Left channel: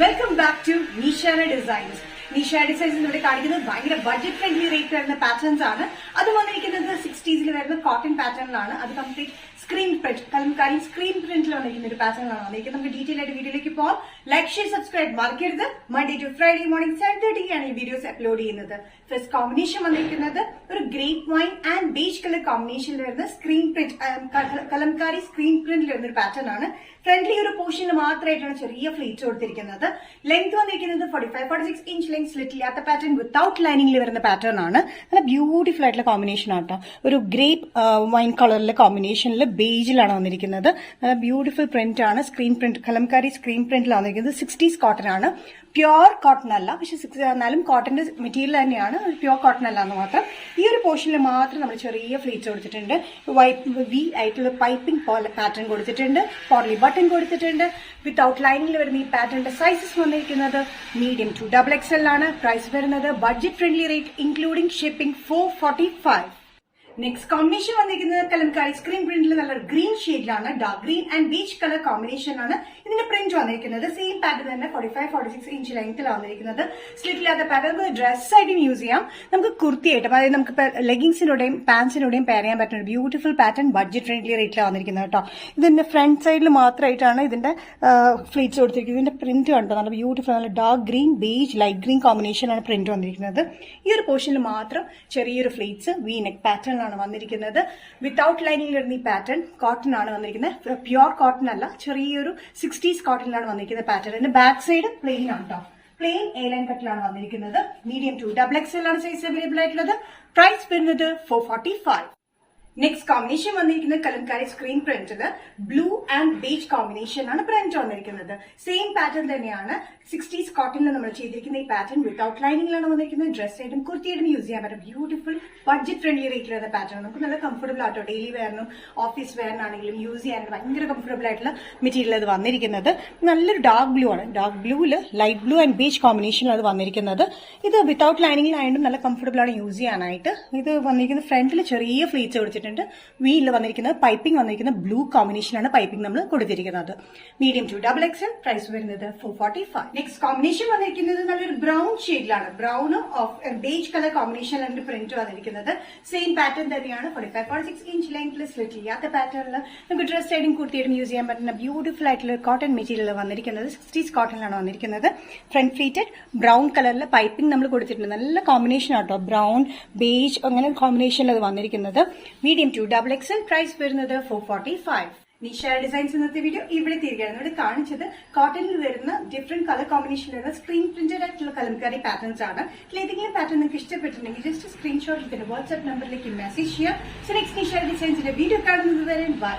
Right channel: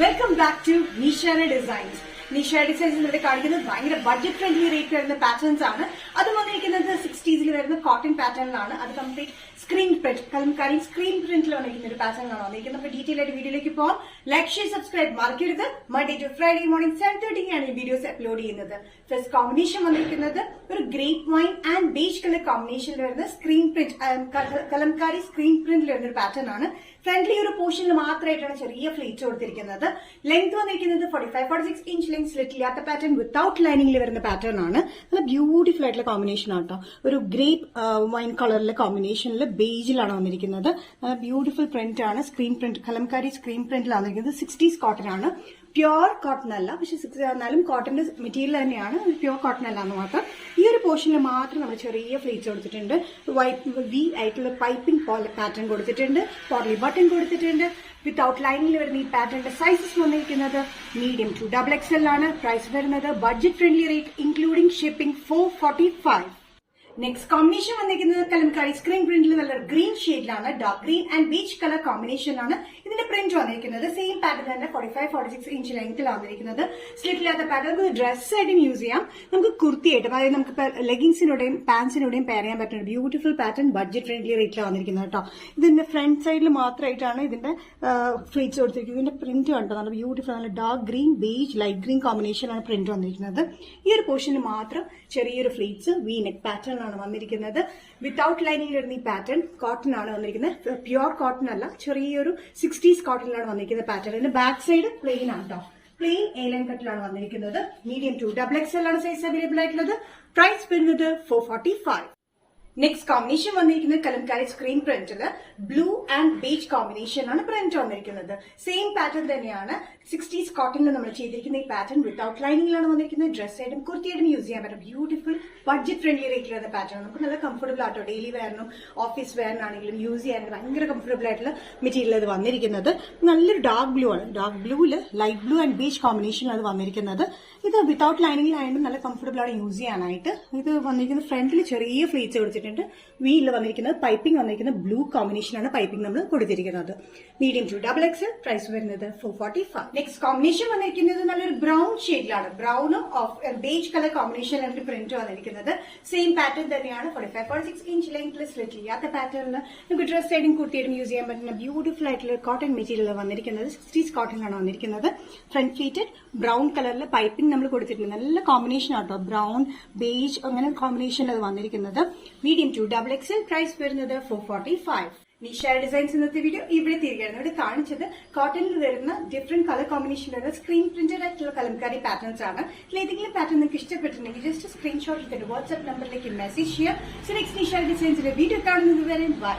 Welcome back to Nishana designs. Nisha designs ഇവിടെ കാണിക്കുന്നത് ഭയങ്കര ബഡ്ജറ്റ് ഫ്രണ്ട്ലി റേറ്റ് വരുന്ന പാറ്റേൺസ് ആണ്. അത് വന്നിരിക്കുന്നത് 60s വരുന്ന കോട്ടൺ പാറ്റേണിലാണ്. അത് complete screen print, kalamkari screen പ്രിന്റിൽ വന്നിരിക്കുന്ന ഒരു പാറ്റേണിലാണ് വന്നിരിക്കുന്നത്. നമുക്ക് ഡീറ്റെയിൽ ആയിട്ട് വീഡിയോയിലേക്ക് പോകാം. ലൈക്ക്, ഷെയർ, സബ്സ്ക്രൈബ് മറക്കരുത്. മൺഡേ ടു ഫ്രൈഡേ മോർണിംഗ് 7:30 ആണ് ഈ വീഡിയോസ് അപ്ലോഡ് ചെയ്യുന്നത്. ഫസ്റ്റ് കോമ്പിനേഷൻ വന്നിരിക്കുന്നത് ഒരു grape wine and beige colour കോമ്പിനേഷനിൽ വരുന്ന സ്ക്രീൻ പ്രിന്റ്, കലംകാരി സ്ക്രീൻ പ്രിന്റിൽ വരുന്ന ഒരു പാറ്റേൺ ആണ്. ഫ്രണ്ട്ലി ഒരു പോർഷനിൽ മാത്രമായിട്ടാണ് ചെറിയ ഫ്ലീറ്റ്സ് കൊടുത്തിരിക്കുന്നത്. ലെങ്ത് വന്നിരിക്കുന്നത് 45-46 ഇഞ്ച് ലെങ്ത്, സ്ലിറ്റ് ഇല്ലാത്ത പാറ്റേൺ, വിത്തൌട്ട് ലൈനിംഗിൽ വരുന്ന പാറ്റേൺ ആണ്. നല്ല ബ്യൂട്ടിഫുൾ ആയിട്ടുള്ള കോമ്പിനേഷൻ ആട്ടോ. ഒരു ഗ്രേപ്പ് വൈൻ കളറിലെ കോമ്പിനേഷനിൽ ബേജിലാണ് വന്നിരിക്കുന്നത്. നല്ല ബ്യൂട്ടിഫുൾ പ്രിന്റ് ആണ്. സ്ക്രീൻ പ്രിന്റ്, കലംകാരി സ്ക്രീൻ പ്രിന്റിലാണ് വന്നിരിക്കുന്നത്. 60s കോട്ടൺ ആണ്. പ്യോർ കോട്ടൺ അല്ല, പക്ഷെ 60 എന്നാലും കോട്ടന്റെ മെറ്റീരിയൽ തന്നെയാണ്. പ്യോർ കോട്ടൺ അല്ല എന്ന് മാത്രം. ഈ ഒരു പോർഷനിൽ മാത്രം നമ്മൾ ചെറിയ ഫ്ലീറ്റ്സ് കൊടുത്തിട്ടുണ്ട്. വി ആയിട്ടുള്ള പൈപ്പിംഗ് പാറ്റേൺ കൊടുത്തിട്ടുണ്ട്. പോർലി ബട്ടൺ കൊടുത്തിട്ടുണ്ട്. വിത്തൌട്ട് ലൈനിൽ വരുന്ന ഈ പാറ്റേണിന്റെ സൈസസ് വന്നിരിക്കുന്നത് മീഡിയം ടു XXL ആണ്. പ്രൈസ് വരുന്നത് budget friendly rate including shipping 445. Next combination വന്നിരിക്കുന്നത് കലംകാരി സ്ക്രീൻ പ്രിന്റിൽ നല്ല ഗ്രീൻ ഷെയ്ഡിലാണ്. Dark green and beach colour combination ആണ്. ഇതിന്റെ പ്രിന്റ് വന്നിരിക്കുന്നത് സെയിം പാറ്റേൺ തന്നെ 45-46 ഇഞ്ച് ലെങ്ത്തിലാണ് വന്നിരിക്കുന്നത്. സ്ലിറ്റ് ഇല്ലാത്ത പാറ്റേൺ ഡ്രസ് ആയിട്ടും യൂസ് ചെയ്യാം. നമുക്ക് കുർത്തിയായിട്ടും, അതായത് നമുക്ക് ലെഗിങ്സിലൂടെയും പാൻസിലൂടെയും പെയർ ചെയ്യാൻ പറ്റുന്ന ഒരു ബ്യൂട്ടിഫുൾ പാറ്റേൺ ബഡ്ജറ്റ് ഫ്രണ്ട്ലി റേറ്റിലാണ് വന്നിരിക്കുന്നത് കേട്ടോ. ഇതിന്റെ ഫ്രണ്ട് സൈഡിൽ മാത്രമായിട്ടാണ് ഇതിന്റെ ഫ്ലീറ്റ്സ് കൊടുത്തിരിക്കുന്നത്. ഇതിന്റെ പ്രിന്റ് കണ്ടോ, നല്ല ബ്യൂട്ടിഫുൾ, നല്ല dark green beige light green കോമ്പിനേഷനാണ് പ്രിന്റ് വന്നിരിക്കുന്നത്. ഈ ഒരു പോർഷനിൽ മാത്രം ചെറിയൊരു ഫ്ലീറ്റ്സ് വി നെക്ക് പാറ്റേൺ ആണ് വന്നിരിക്കുന്നത്. വിത്തൌട്ട് ലൈനിങ് വരുന്ന ഈ പാറ്റേൺ കോട്ടൺ ആണ് വന്നിരിക്കുന്നത്. പ്യോർ കോട്ടൺ അല്ല, ചെറിയൊരു 60s കോട്ടണിലാണ് വന്നിരിക്കുന്ന പാറ്റേൺ. ഇതിന്റെ ബാക്ക് സൈഡ് പ്ലെയിൻ ആണ് കേട്ടോ. പ്ലെയിൻ എ ലൈൻ കട്ടിലാണ് വന്നിരിക്കുന്നത്. മീഡിയം ടു XXL ആണ് സൈസ് അവൈലബിൾ ആയിട്ടുള്ളത്. പ്രൈസ് വരുന്നത് 445. നെക്സ്റ്റ് കോമ്പിനേഷൻ വന്നിരിക്കുന്നത് കലംകാരി സ്ക്രീൻ പ്രിന്റില് ബ്ലൂ ആൻഡ് ബേജ് കോമ്പിനേഷൻ ആണ് പ്രിന്റ് വന്നിരിക്കുന്നത്. സെയിം പാറ്റേൺ തന്നെയാണ്. 60s കോട്ടണിൽ നമ്മൾ ചെയ്തിരിക്കുന്ന ഈ പാറ്റേൺ വിത്തൌട്ട് ലൈനിങ്ങിലാണ് വന്നിരിക്കുന്നത്. ഡ്രസ് ആയിട്ടും കുർത്തിയായിട്ടും യൂസ് ചെയ്യാൻ പറ്റും. ബ്യൂട്ടിഫുൾ ബഡ്ജറ്റ് ഫ്രണ്ട്ലി റേറ്റിലുള്ള പാറ്റേൺ. നമുക്ക് നല്ല കംഫർട്ടബിൾ ആട്ടോ. ഡെയിലി വെയറിനും ഓഫീസ് വെയറിനാണെങ്കിലും യൂസ് ചെയ്യാനും ഭയങ്കര കംഫർട്ടബിൾ ആയിട്ടുള്ള മെറ്റീരിയൽ ഇത് വന്നിരിക്കുന്നത്. നല്ലൊരു ഡാർക്ക് ബ്ലൂ ആണ്. ഡാർക്ക് ബ്ലൂവില് ലൈറ്റ് ബ്ലൂ ആൻഡ് ബേജ് കോമ്പിനേഷനിലാണ് വന്നിരിക്കുന്നത്. ഇത് വിത്തൌട്ട് ലൈനിങ്ങിലായിട്ടും നല്ല കംഫർട്ടബിൾ ആണ് യൂസ് ചെയ്യാനായിട്ട്. ഇത് വന്നിരിക്കുന്നത് ഫ്രണ്ടിൽ ചെറിയ ഫ്ലീറ്റ്സ് കൊടുത്തിട്ടുണ്ട്. വീലിൽ വന്നിരിക്കുന്നത് പൈപ്പിംഗ് വന്നിരിക്കുന്നത് ബ്ലൂ കോമ്പിനേഷനാണ് പൈപ്പിംഗ് നമ്മൾ കൊടുത്തിരിക്കുന്നത്. Medium to XXL. പ്രൈസ് വരുന്നത് 445. നെക്സ്റ്റ് കോമ്പിനേഷൻ വന്നിരിക്കുന്നത് നല്ലൊരു ബ്രൗൺ ഷെയ്ഡിലാണ്. ബ്രൗണും ബേജ് കളർ കോമ്പിനേഷനിലാണ് പ്രിന്റ് വന്നിരിക്കുന്നത്. സെയിം പാറ്റേൺ തന്നെയാണ്. 45-46 ഇഞ്ച് ലെങ്ത്, സ്ലിറ്റ് ചെയ്യാത്ത പാറ്റേണിൽ നമുക്ക് ഡ്രസ് ആയിട്ടും കുർത്തിയായിട്ടും യൂസ് ചെയ്യാൻ പറ്റുന്ന ബ്യൂട്ടിഫുൾ ആയിട്ടുള്ള കോട്ടൺ മെറ്റീരിയൽ വന്നിരിക്കുന്നത്. 60s കോട്ടണിലാണ് വന്നിരിക്കുന്നത്. ഫ്രണ്ട് ഫീറ്റഡ് ബ്രൗൺ കളറിൽ പൈപ്പിംഗ് നമ്മൾ കൊടുത്തിട്ടുണ്ട്. നല്ല കോമ്പിനേഷൻ ആട്ടോ. ബ്രൗൺ ബേജ് അങ്ങനെ കോമ്പിനേഷനിൽ അത് വന്നിരിക്കുന്നത്. Medium to XXL. പ്രൈസ് വരുന്നത് 445. നിഷ ഡിസൈൻസ് ഇന്നത്തെ വീഡിയോ ഇവിടെ തിരികെയാണ്. ഇവിടെ കാണിച്ചത് കോട്ടണിൽ വരുന്ന ഡിഫറെന്റ് കളർ കോമ്പിനേഷനിലുള്ള സ്ക്രീൻ പ്രിന്റഡ് ആയിട്ടുള്ള കലംകാരി പാറ്റേൺസ് ആണ്. ഏതെങ്കിലും പാറ്റേൺ നിങ്ങൾക്ക് ഇഷ്ടപ്പെട്ടിട്ടുണ്ടെങ്കിൽ ജസ്റ്റ് സ്ക്രീൻഷോട്ട് എടുത്തിട്ട് വാട്സ്ആപ്പ് നമ്പറിലേക്ക് മെസ്സേജ് ചെയ്യാം. സോ നെക്സ്റ്റ് നിഷ ഡിസൈൻസിന്റെ വീഡിയോ കാണുന്നത് വരെ ബൈ.